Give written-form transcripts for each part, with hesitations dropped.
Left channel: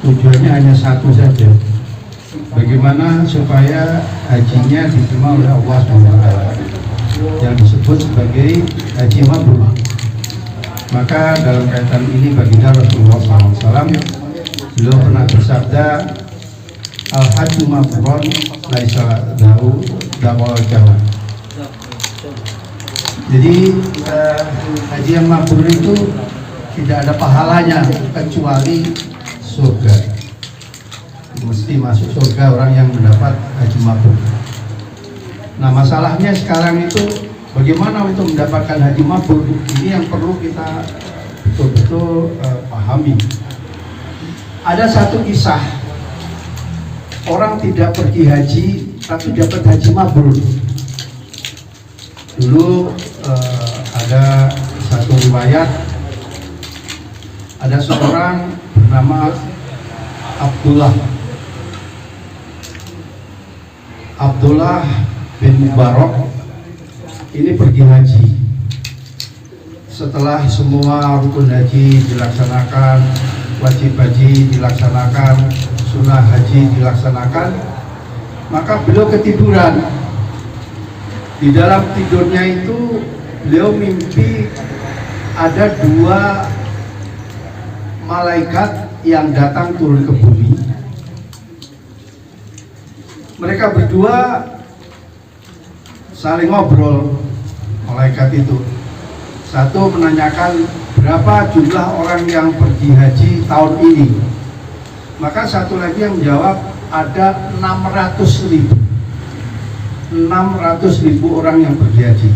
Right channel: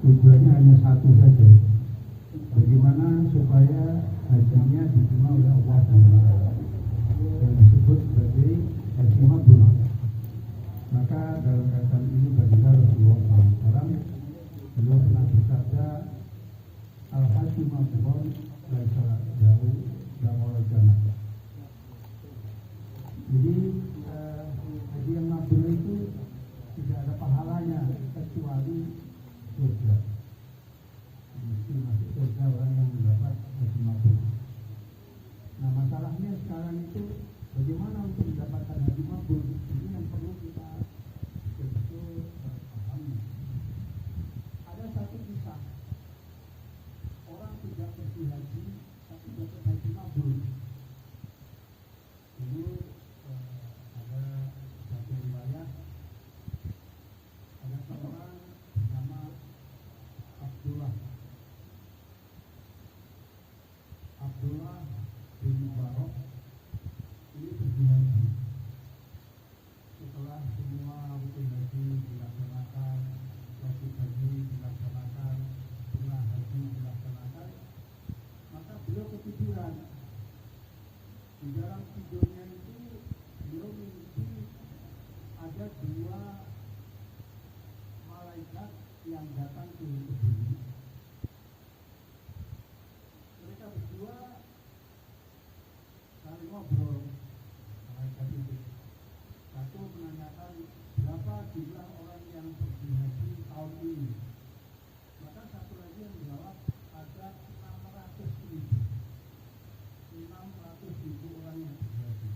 tujuannya hanya satu saja, bagaimana supaya hajinya diterima oleh Allah SWT yang disebut sebagai haji mabrur. Maka dalam kaitan ini baginda Rasulullah SAW, beliau pernah bersabda, al-hajju mabrurun laisa lahu dawal jawab. Jadi haji yang mabrur itu tidak ada pahalanya kecuali surga. Mesti masuk surga orang yang mendapat haji mabrur. Nah, masalahnya sekarang itu bagaimana untuk mendapatkan haji mabrur? Ini yang perlu kita betul-betul pahami. Ada satu kisah, orang tidak pergi haji tapi dapat haji mabrur. Dulu ada satu riwayat, ada seorang bernama Abdullah bin Mubarak ini pergi haji. Setelah semua rukun haji dilaksanakan, wajib haji dilaksanakan, sunnah haji dilaksanakan, maka beliau ketiduran. Di dalam tidurnya itu beliau mimpi ada dua malaikat yang datang turun ke bumi. Mereka berdua saling ngobrol, malaikat itu. Satu menanyakan berapa jumlah orang yang pergi haji tahun ini. Maka satu lagi yang menjawab ada 600.000 orang yang pergi haji.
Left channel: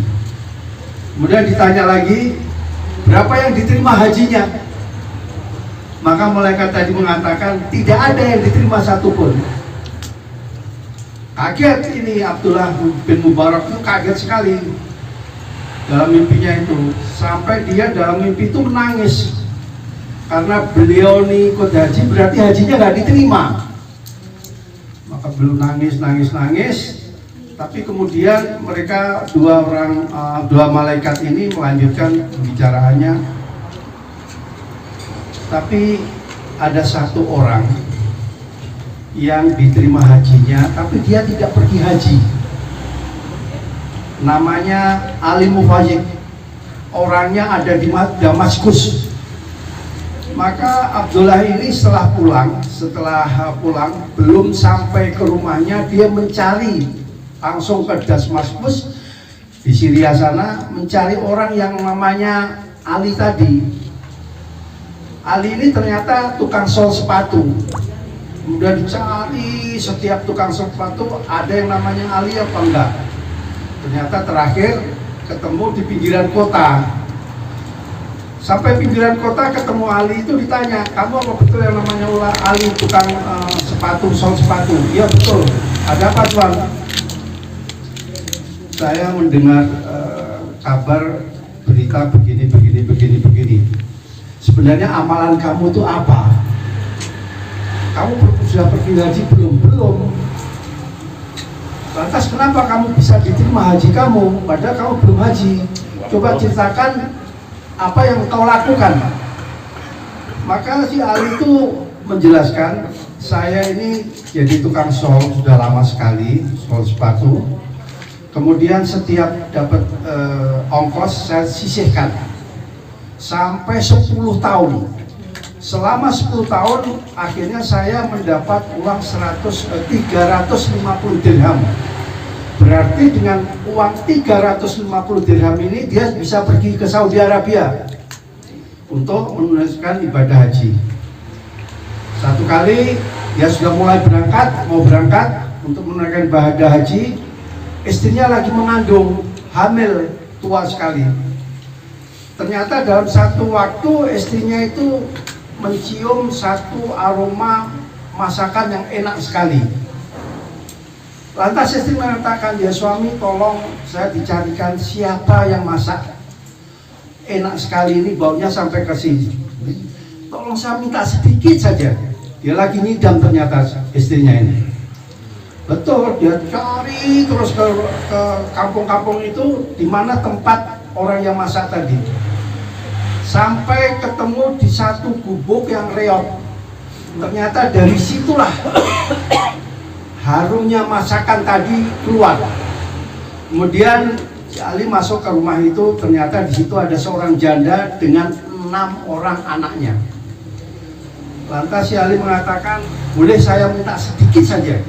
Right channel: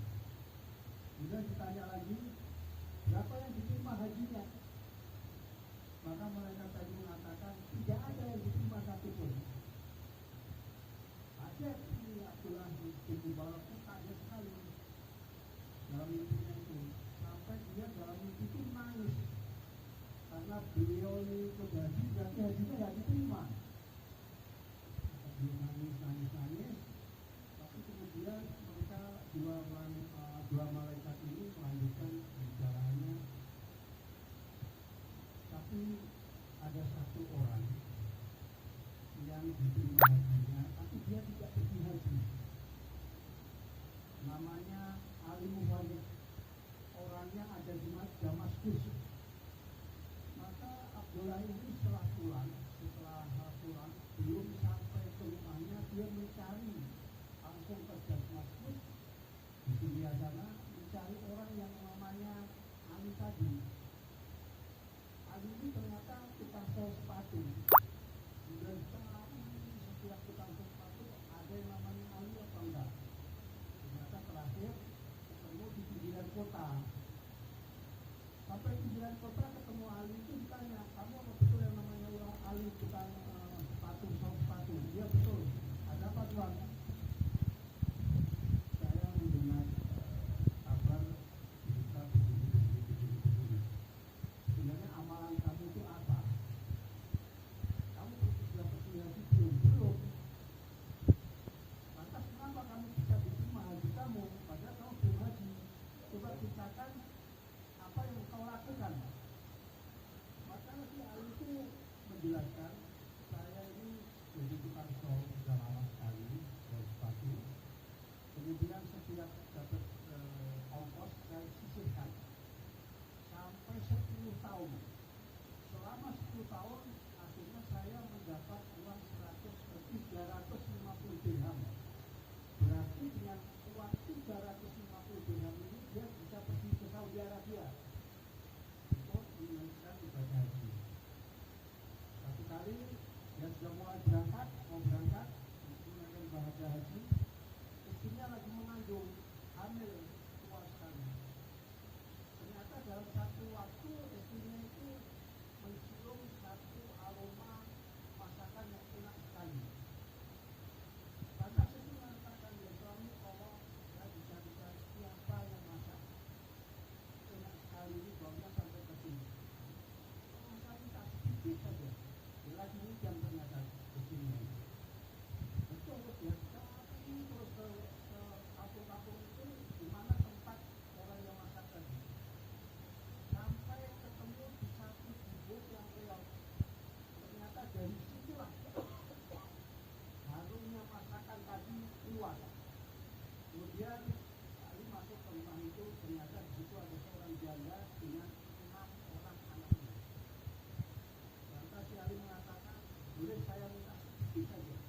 Kemudian ditanya lagi, berapa yang diterima hajinya? Maka malaikat tadi mengatakan tidak ada yang diterima satupun. Kaget ini Abdullah bin Mubarak itu, kaget sekali dalam mimpinya itu, sampai dia dalam mimpi itu menangis karena beliau nih ikut haji berarti hajinya nggak diterima. Maka beliau nangis, tapi kemudian mereka dua malaikat ini melanjutkan pembicaraannya. Tapi ada satu orang yang diterima hajinya, tapi dia tidak pergi haji. Namanya Ali Mufajik. Orangnya ada di Damaskus. Maka Abdullah ini setelah pulang, belum sampai ke rumahnya, dia mencari langsung ke Damaskus di Syria sana, mencari orang yang namanya Ali tadi. Ali ini ternyata tukang sol sepatu. Kemudian dicari setiap tukang sepatu, ada yang namanya Ali apa enggak. Ternyata terakhir ketemu di pinggiran kota. Sampai pinggiran kota ketemu Ali itu, ditanya, kamu apa betul yang namanya Ali tukang sepatu, sol sepatu? Iya betul. Ada apa tuan? Saya mendengar kabar berita begini. Sebenarnya amalan kamu itu apa? Kamu sudah pergi haji belum? Lantas kenapa kamu bisa diterima haji kamu padahal kamu belum haji? Coba ceritakan apa yang kau lakukan. Maka si Ali itu menjelaskan, saya ini jadi tukang sol sudah lama sekali, sol sepatu. Kemudian setiap dapat ongkos saya sisihkan sampai 10 tahun. Selama 10 tahun akhirnya saya mendapat uang 350 dirham. Berarti dengan uang 350 dirham ini dia bisa pergi ke Saudi Arabia untuk menunaikan ibadah haji. Satu kali dia sudah mulai mau berangkat untuk menunaikan ibadah haji, istrinya lagi mengandung, hamil, tua sekali. Ternyata dalam satu waktu istrinya itu mencium satu aroma masakan yang enak sekali. Lantas istri mengatakan, ya suami tolong saya dicarikan siapa yang masak enak sekali ini, baunya sampai ke sini. Tolong saya minta sedikit saja. Dia lagi ngidam ternyata istrinya ini. Betul, dia cari terus ke kampung-kampung itu di mana tempat orang yang masak tadi. Sampai ketemu di satu gubuk yang reot. Ternyata dari situlah harumnya masakan tadi keluar. Kemudian si Ali masuk ke rumah itu, ternyata di situ ada seorang janda dengan 6 orang anaknya. Lantas si Ali mengatakan, boleh saya minta sedikit saja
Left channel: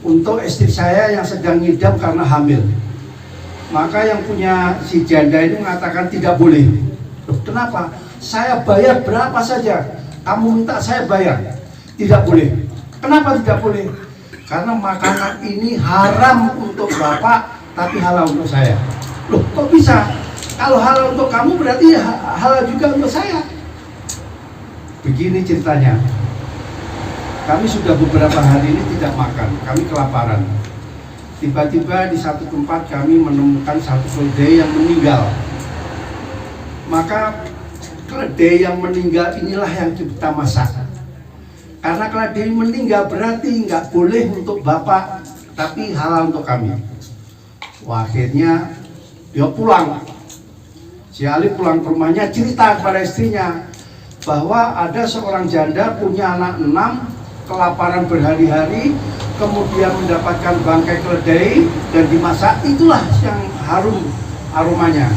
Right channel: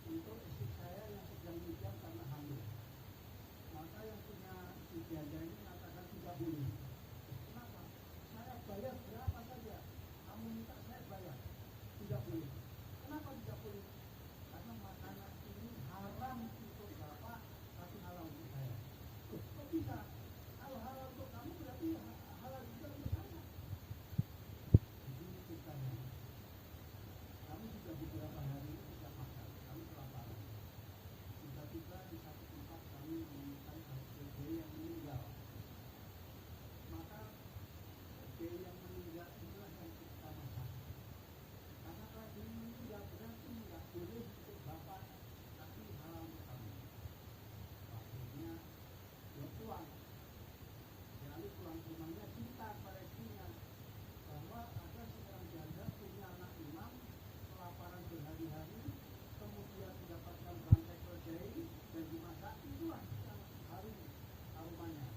untuk istri saya yang sedang ngidam karena hamil. Maka yang punya si janda ini mengatakan tidak boleh. Loh, kenapa? Saya bayar berapa saja, kamu minta saya bayar. Tidak boleh. Kenapa tidak boleh? Karena makanan ini haram untuk bapak, tapi halal untuk saya. Loh, kok bisa? Kalau halal untuk kamu berarti halal juga untuk saya. Begini ceritanya. Kami sudah beberapa hari ini tidak makan, kami kelaparan. Tiba-tiba di satu tempat kami menemukan satu keledai yang meninggal. Maka keledai yang meninggal inilah yang kita masak. Karena keledai meninggal berarti nggak boleh untuk bapak, tapi halal untuk kami. Wah, akhirnya dia pulang. Si Ali pulang ke rumahnya, cerita kepada istrinya bahwa ada seorang janda punya anak 6, kelaparan berhari-hari, kemudian mendapatkan bangkai keledai dan dimasak, itulah yang harum aromanya.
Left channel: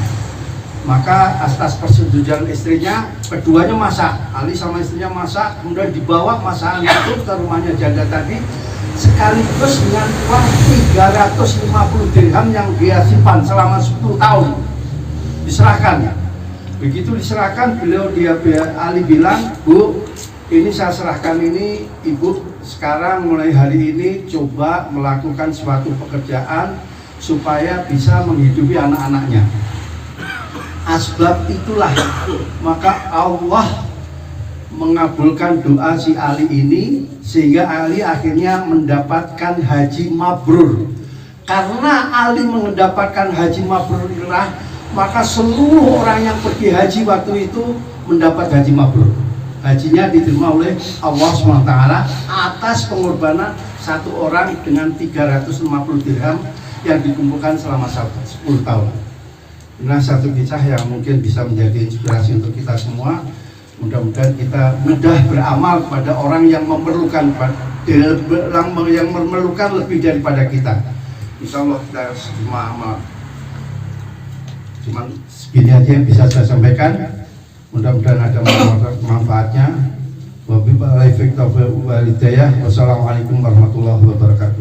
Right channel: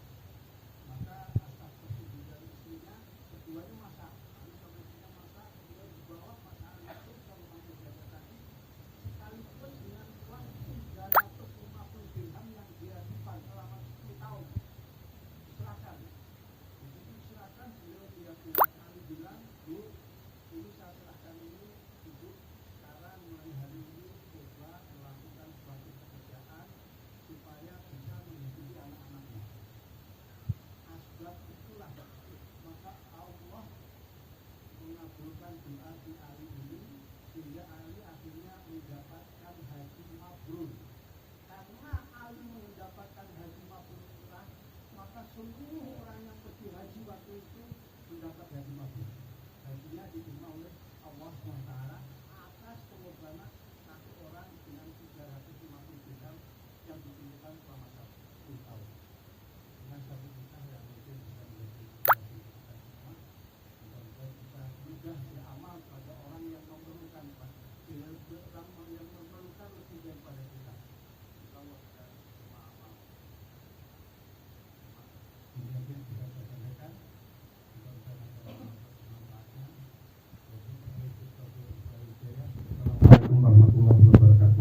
Maka atas persetujuan istrinya, keduanya masak. Ali sama istrinya masak, kemudian dibawa masakan itu ke rumahnya janda tadi, sekaligus dengan uang 350 dirham yang dia simpan selama 10 tahun. Diserahkan. Begitu diserahkan, Ali bilang, Bu, ini saya serahkan ini, ibu sekarang mulai hari ini coba melakukan suatu pekerjaan supaya bisa menghidupi anak-anaknya. Asbab itulah maka Allah mengabulkan doa si Ali ini, sehingga Ali akhirnya mendapatkan haji mabrur. Karena Ali mendapatkan haji mabrur inilah, maka seluruh orang yang pergi haji waktu itu mendapat haji mabrur. Hajinya diterima oleh Allah SWT atas pengorbanan satu orang dengan 350 dirham yang dikumpulkan selama 10 tahun. Nah, satu kisah yang mungkin bisa menjadi inspirasi untuk kita semua. Mudah-mudahan kita mudah beramal pada orang yang memerlukan lebih daripada kita. Insya Allah kita semua amal. Cuman segini aja yang bisa saya sampaikan. Mudah-mudahan ada manfaatnya. Wabillahi taufiq wal hidayah. Wassalamualaikum warahmatullahi wabarakatuh.